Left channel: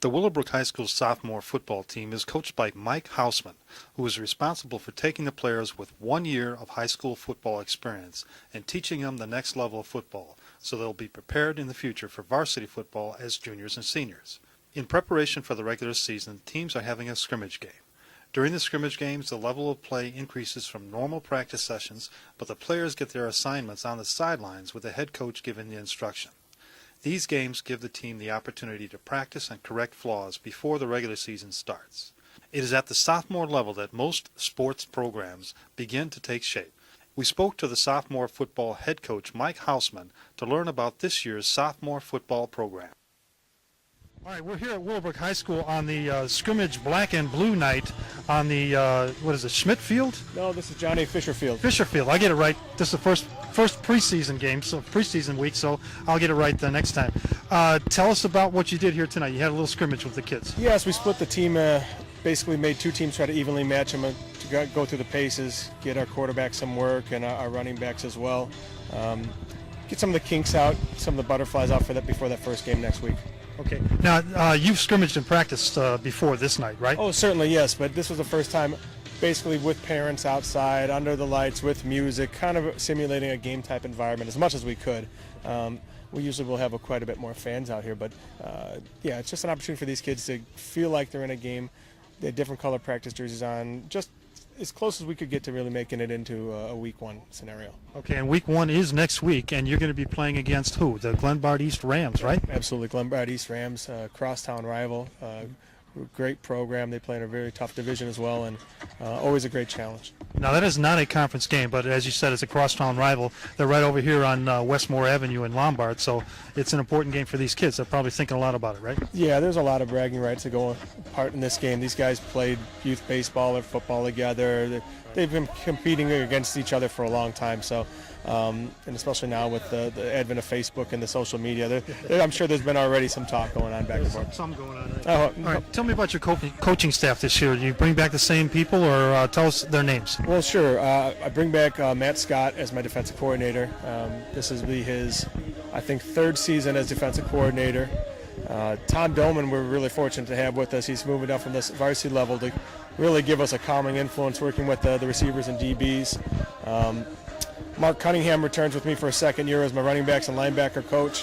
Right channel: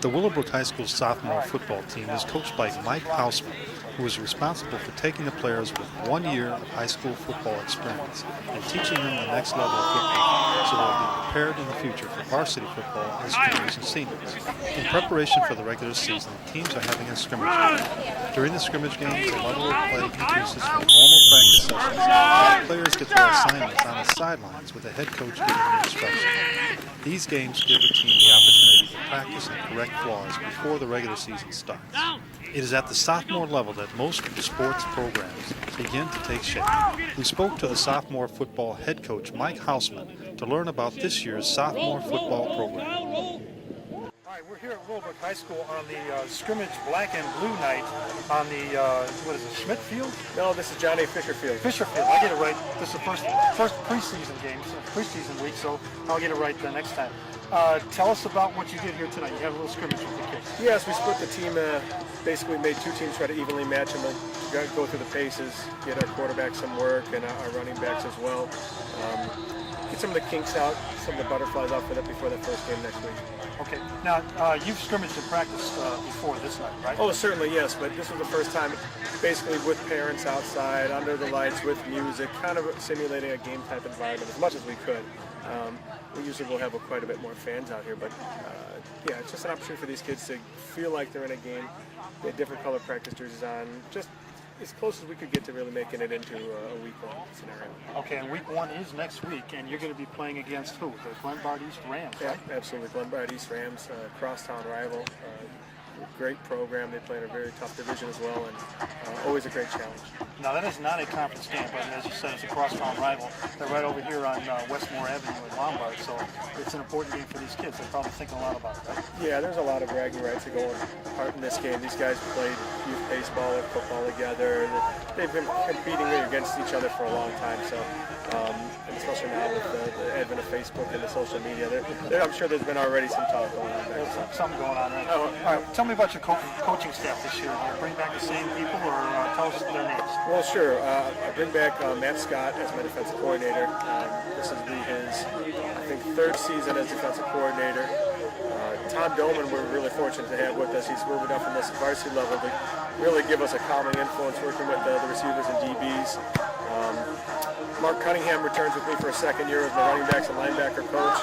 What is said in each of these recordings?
The Willowbrook High School sophomore football team is coached by Mike Haussmann, who is responsible for taking the players with 1 year of high school football experience and teaching them the next level of football so they'll be prepared in the future for varsity football as juniors and seniors. In preparation for the regular season, teams are having a scrimmage game. During the scrimmage games, the level of play increases from normal practice sessions, but the players get their assignments on the sidelines with the head coach giving the instruction. These games give the team the opportunity to practice and correct flaws before the regular season starts. It is at the sophomore level that most sports programs begin to take shape. We spoke to the sophomore football head coach, Mike Haussmann, to learn about this year's sophomore football program. All right, we're here at Willowbrook High School on the scrimmage black and blue night on the, what is it, Schmidt Field? No, this is John A. Fisher Field. Fisher Field, I get it right. This is the first preseason game, so preseason week, so I'll get it right the next time. Tell us about what you did here tonight. You had a little scrimmage with the kids. Yes, we split the team, basically made two teams, try to evenly match them, go through the paces, get our quarterbacks some work and our running backs as well. Get some of the kinks out, some of the butterflies out for that before that first game next week. Okay. Now, you've scrimmaged and practiced before this night, right? Oh, certainly, yes. But this was the first time basically with parents outside, under the lights, with music, kind of simulating a game-type environment as much as we could. We usually will have quite a bit more fans out here, but yeah, it's just an opportunity for these kids to feel like they're in a game. They had different color practice jerseys on, just as close as we could get to really making it into a week one scenario. Okay, and week one is next week, and you're going to be playing against who? The Glenbard East Rams, right? Absolutely, Glenbard East Rams, crosstown rival. Great program. They play in a very tough division as well, and always a great challenge. Now, that is not a conference game, but as you said, it's a crosstown rival. They're right over here on Westmore Avenue in Lombard, so it's an important game for these kids. They're probably thinking a lot about it, right? Yeah, there's a lot of bragging rights to go part in this game. These guys played youth baseball or football together. They've been competing against each other for a long time, so and especially now with the advent of Facebook and the social media, I'm sure there's been already some talk going on back there. Something going on, right? All right, tell me about your coaching staff this year. Do you bring back the same people, or tell us their names? Well, sure. I bring back Matt Scott as my defensive coordinator. This is his, I think, third season as defensive coordinator. Tom Doman, we're really fortunate to have with us. He's moving up from this varsity level to really give us a calming influence, working with the receivers and DBs. Mark Cunningham returns with me for a second year as my running backs and linebacker coach.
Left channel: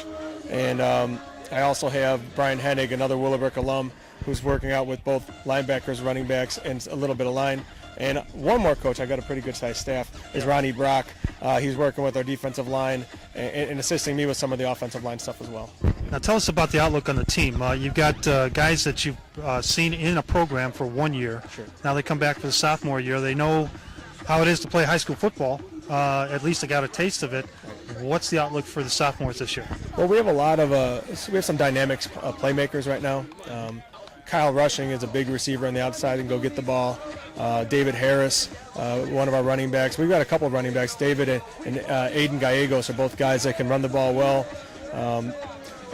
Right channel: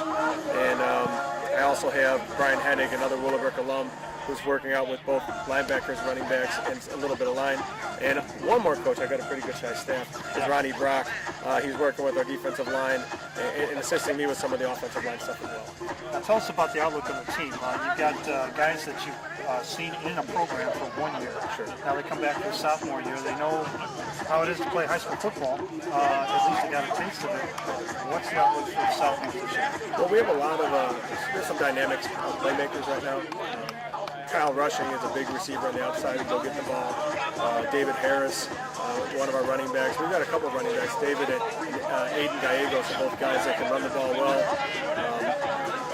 And I also have Brian Hennig, another Willowbrook alum, who's working out with both linebackers, running backs, and a little bit of line. And one more coach, I've got a pretty good-sized staff, is Ronnie Brock. He's working with our defensive line and assisting me with some of the offensive line stuff as well. Now tell us about the outlook on the team. You've got guys that you've seen in a program for 1 year. Sure. Now they come back for the sophomore year. They know how it is to play high school football. At least they got a taste of it. What's the outlook for the sophomores this year? Well, we have a lot of we have some dynamic playmakers right now. Kyle Rushing is a big receiver on the outside and go get the ball. David Harris, one of our running backs. We've got a couple of running backs, David and Aiden Gallegos, are both guys that can run the ball well.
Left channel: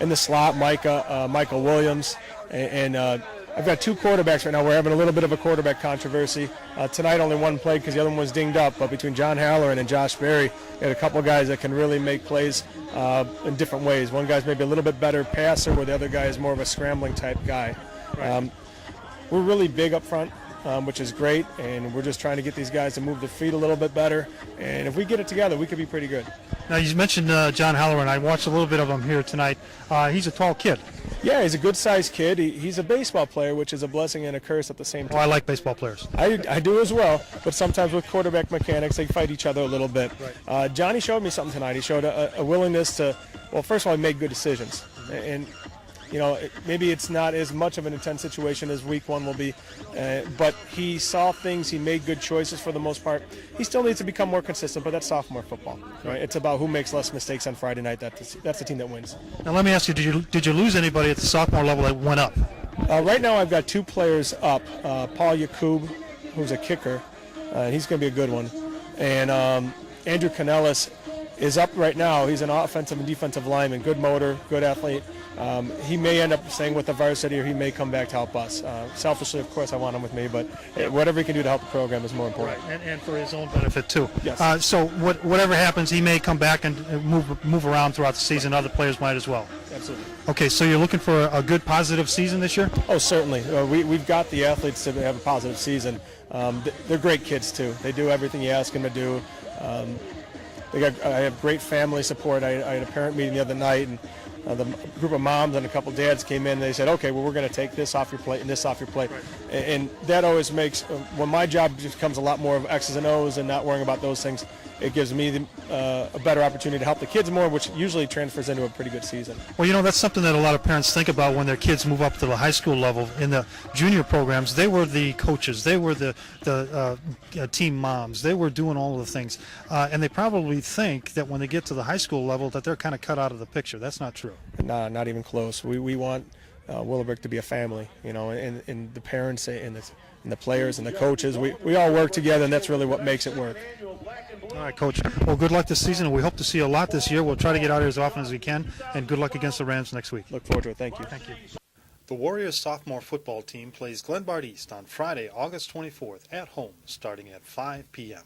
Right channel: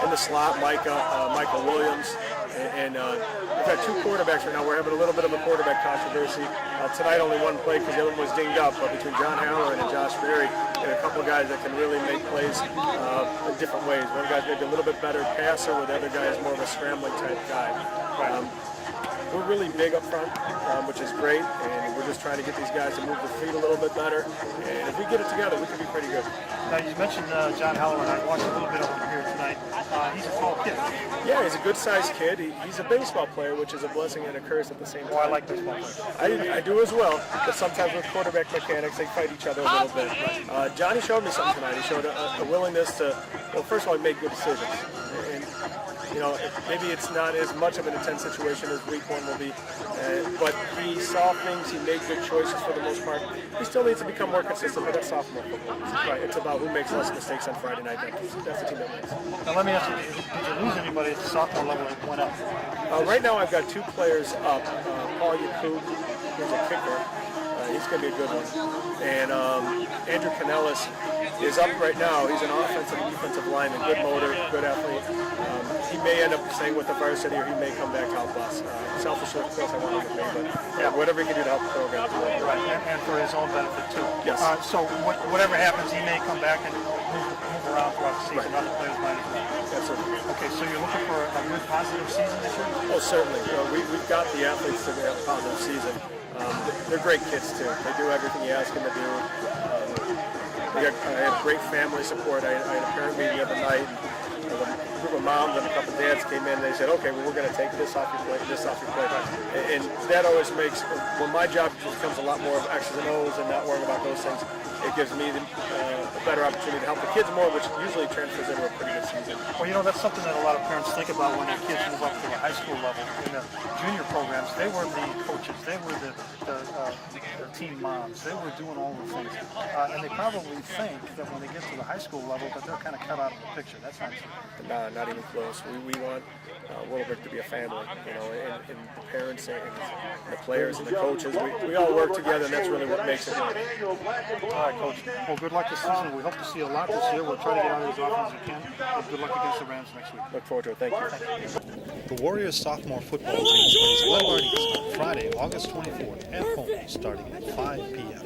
In the slot, Michael Williams, and I've got two quarterbacks right now. We're having a little bit of a quarterback controversy. Tonight only one played because the other one was dinged up, but between John Halloran and Josh Berry, we have a couple of guys that can really make plays in different ways. One guy's maybe a little bit better passer, where the other guy is more of a scrambling type guy. We're really big up front, which is great, and we're just trying to get these guys to move their feet a little bit better. And if we get it together, we could be pretty good. Now, you mentioned John Halloran. I watched a little bit of him here tonight. He's a tall kid. Yeah, he's a good-sized kid. He's a baseball player, which is a blessing and a curse at the same time. Well, I like baseball players. I do as well, but sometimes with quarterback mechanics, they fight each other a little bit. Johnny showed me something tonight. He showed a willingness to, well, first of all, he made good decisions. And you know, maybe it's not as much of an intense situation as week one will be, but he saw things, he made good choices for the most part. He still needs to become more consistent, but that's sophomore football. Right? It's about who makes less mistakes on Friday night. That's the team that wins. Now let me ask you, did you lose anybody at the sophomore level that went up? Right now I've got two players up. Paul Yakub, who's a kicker. He's going to be a good one. And Andrew Canellis is up right now. He's an offensive and defensive lineman, good motor, good athlete. He may end up staying with the varsity, or he may come back to help us. Selfishly, of course, I want him with me, but whatever he can do to help the program is more important. Right, and for his own benefit too. Yes. So whatever happens, he may come back and move around throughout the season. Other players might as well. Absolutely. Okay, so you're looking for a good, positive season this year? Oh, certainly. We've got the athletes to have a positive season. They're great kids, too. They do everything you ask them to do. I had great family support. I had a parent meeting the other night, and the group of moms and a couple dads came in, and they said, okay, well, we're going to take this off your plate and this off your plate. And that always makes, when my job becomes a lot more of X's and O's and not worrying about those things, it gives me a better opportunity to help the kids more, which usually transfers into a pretty good season. Well, that's something that a lot of parents think about when their kids move up to the high school level. In the junior programs, they were the coaches, they were the team moms, they were doing all of the things. And they probably think that when they get to the high school level that they're kind of cut out of the picture. That's not true. Nah, not even close. We want Willowbrook to be a family, and the parents and the players and the coaches. We all work together, and that's really what makes it work. All right, Coach. Well, good luck this season, and we hope to see a lot this year. We'll try to get out here as often as we can, and good luck against the Rams next week. Look forward to it. Thank you. The Warriors sophomore football team plays Glenbard East on Friday, August 24th at home, starting at 5 p.m.